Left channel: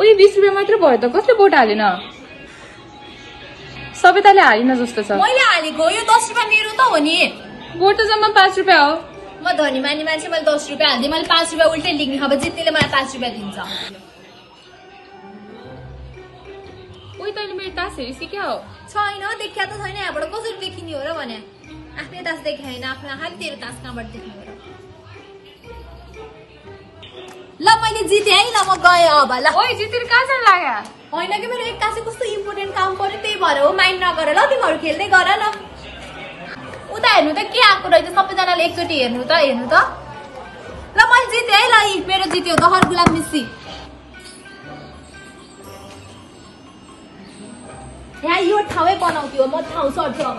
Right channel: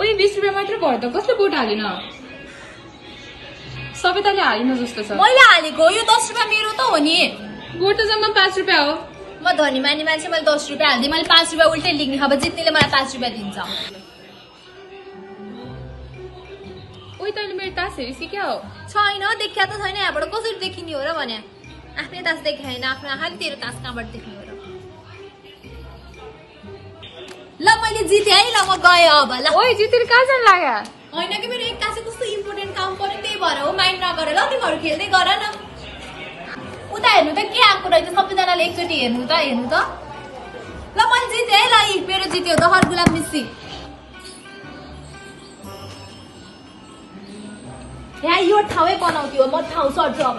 ओइ 20 रुपैयाँ मात्र भयो त कसले भोट हालेन सबै तले हालिन जस्तो छ मैले हालेको यो 10 रुपैयाँ मेरो त हो नि भोट त जम्मा 5 रुपैयाँ हो म धनी मानी मान्छे मैले 10 रुपैयाँ हाल्दिए मैले 5 रुपैयाँ उल्टै लिग्ने अब जित्नेले मलाई 5 रुपैयाँ दिन्छ ओइ तैले मेरो तास हेरिसी क्या हो छैन देखिया त छैन यहाँबाट कसरी देखिने हो र भने आफ्नै तास देखाएन आफ्नो आँखाले तेरो तास कहाँबाट देख्ने हो र ल मैले जिते है ल म गए अब ल ओइ जितेर कहाँ जान लाग्यो होइन कि मेरो एक्कासी कस्तो इम्पोर्टेन्ट काम पर्यो त्यही भएर हो माइन्ड नगर ल तिमीहरू खेल्दै गर ल उता हेर्नु त के आएको रहेछ सबैजनाले एकचोटि हेर्नु त ल मैले जिते है ल मेरो जित्यो त हर गुलाब मिस्सी यहाँ यो ठाउँै बनाउँथ्यो म ठाउँ सर्छु अब